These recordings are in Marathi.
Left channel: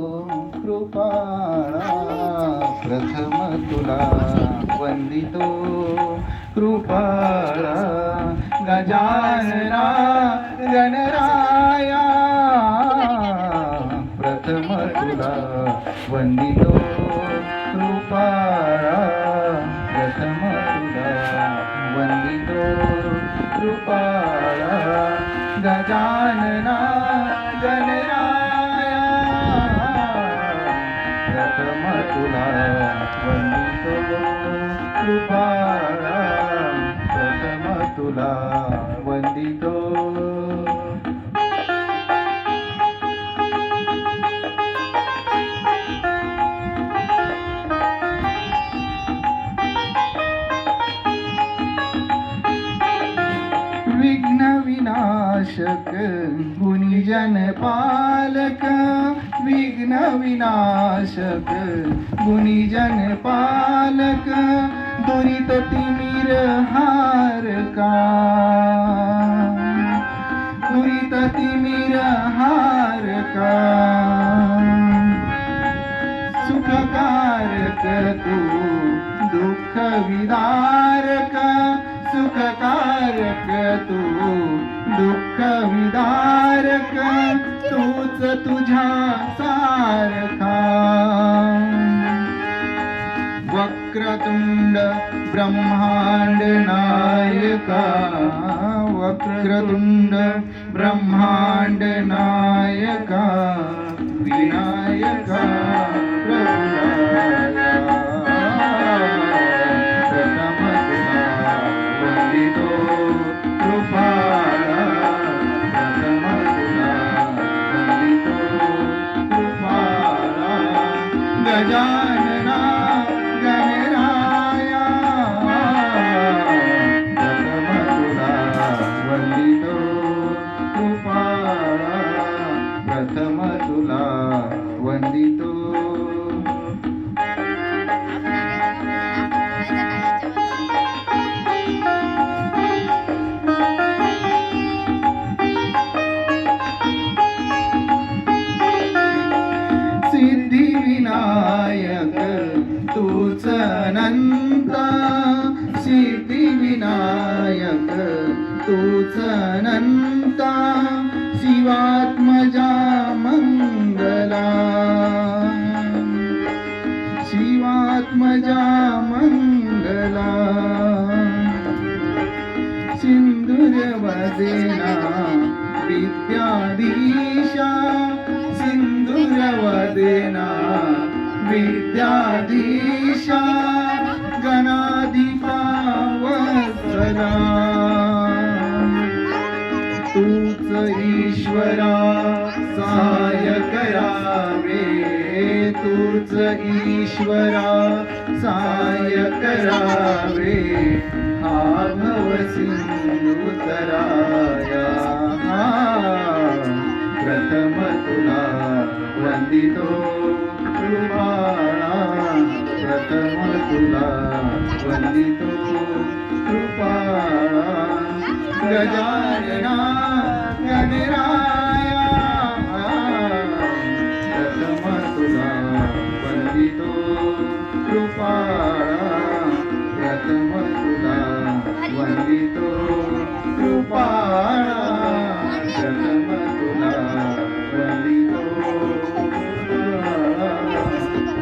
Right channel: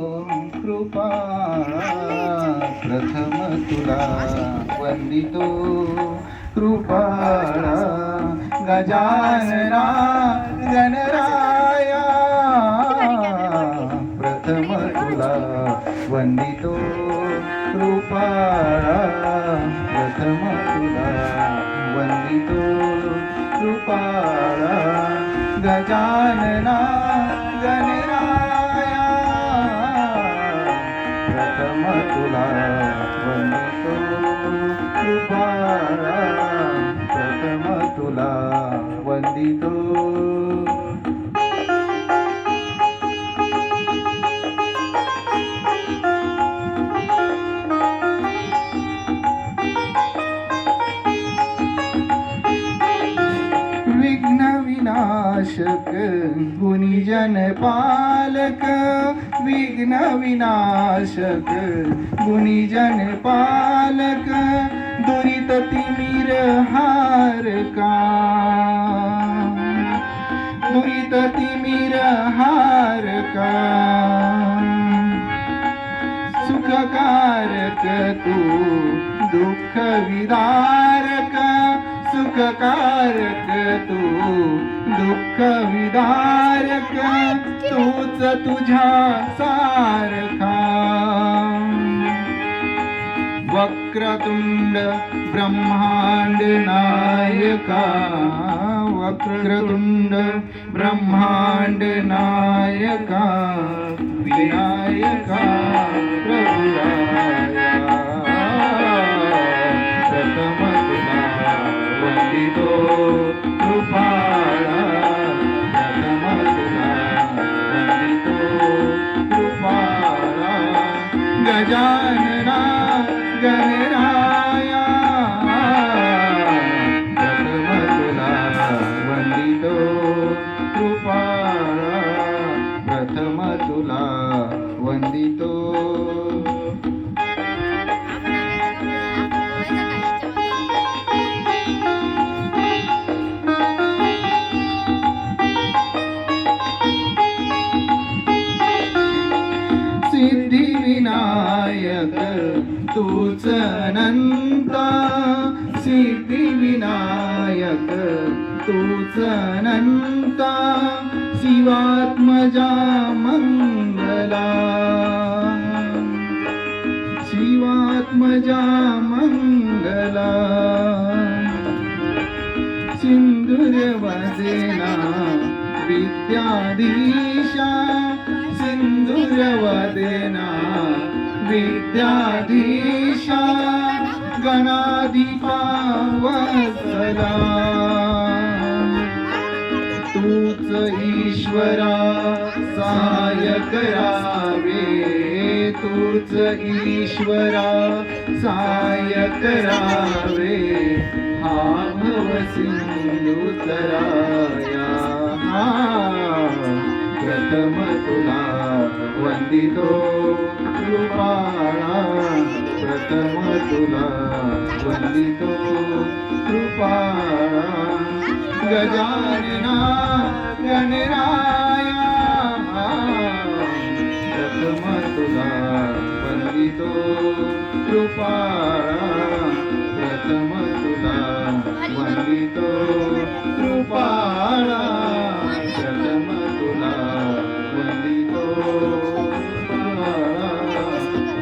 कृपाळा प्रथम तुला वंदितो कृपाळा गजानना गणराया प्रथम तुला वंदितो कृपाळा प्रथम तुला वंदितो कृपाळा गजानना गणराया प्रथम तुला वंदितो कृपाळा प्रथम तुला वंदितो विघ्न विनाशक गुणीजन पालक विघ्न विनाशक गुणीजन पालक दुरित तिमिर हारका दुरित तिमिर हारका सुखकारक तू दुःख विदारक सुखकारक तू दुःख विदारक तूच तुझ्या सारखा वक्रतुंड ब्रह्मांड नायका वक्रतुंड ब्रह्मांड नायका विनायका प्रभुराया प्रथम तुला वंदितो कृपाळा प्रथम तुला वंदितो कृपाळा गजानना गणराया प्रथम तुला वंदितो कृपाळा प्रथम तुला वंदितो सिद्धिविनायक तूच अनंत सिद्धिविनायक तूच अनंत शिवात्मजा मंगला शिवात्मजा मंगला सिंधुरवदेना विद्याधीशा सिंधुरवदेना विद्याधीशा गणाधिपा वत्सला तूच ईश्वरा सहाय करावे तूच ईश्वरा सहाय करावे हा भव सिंधू तराया प्रथम तुला वंदितो कृपाळा प्रथम तुला वंदितो कृपाळा गजानना गणराया प्रथम तुला वंदितो कृपाळा प्रथम तुला वंदितो कृपाळा प्रथम तुला वंदितो कृपाळा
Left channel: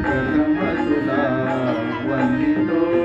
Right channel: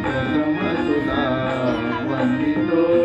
प्रथम तुला वंदितो